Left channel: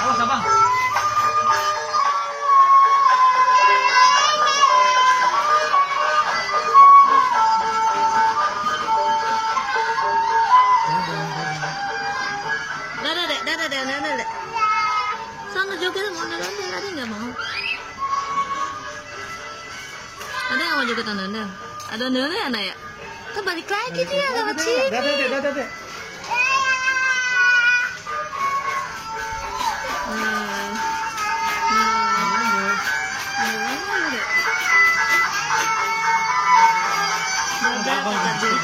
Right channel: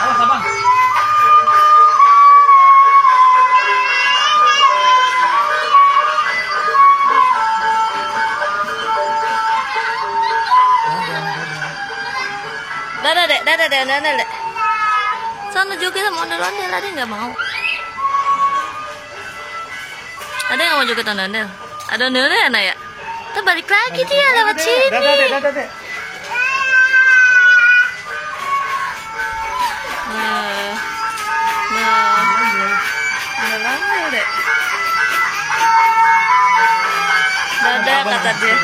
Awas abang. Dadah dek, dadah dek, dadah dek. Sana juga sama ondel-ondel, ada yang nggak mau? Ada yang mau juga ondel-ondel? Ada ondel-ondel anak ya? Kita balik lagi dia lewat sini. Dadah dek. Ondel-ondel dek. Dadah kata dia.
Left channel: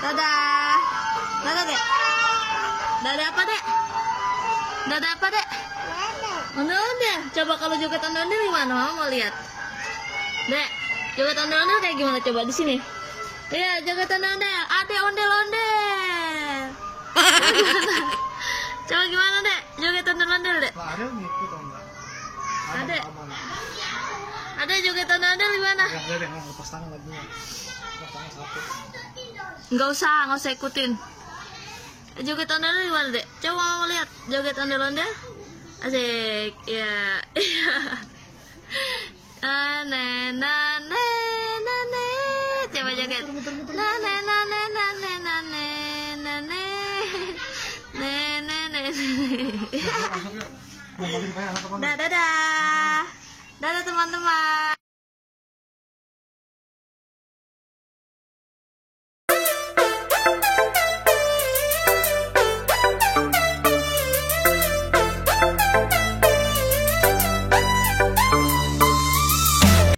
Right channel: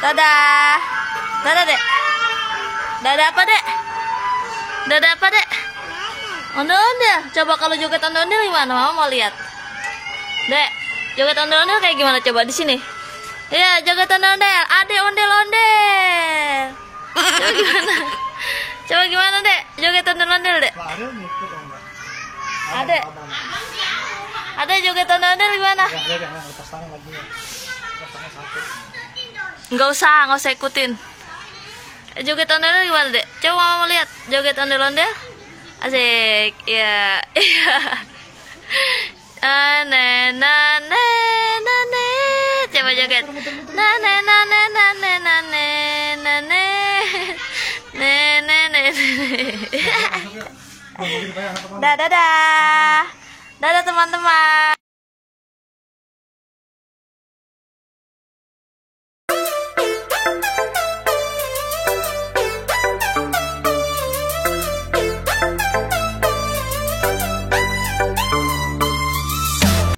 Dadah. Dadah, Dek. Dadah apa, Dek? Dadah apa, Dek? Ondel-ondel. Coba kalau joget ondel-ondel gimana? Mama mau lihat. Dek, joget ondel-ondel kayak gimana coba di sini? Ya, joget ondel-ondel. Adek ondel-ondel. Coba gimana? Coba gimana, Dek? Joget ondel-ondel, Dek. Adek. Adek joget ondel-ondel gimana? Lepas tangan lagi. Lepas tangan satu. Nggak usah ikutin. Joget ondel-ondel gimana, Dek? Coba mama lihat joget ondel-ondel. Asik. Ya. Iya. Nane nane nane. Coba joget. Nane nane nane nane nane. Nene nene. Dadah. Dadah teman-teman.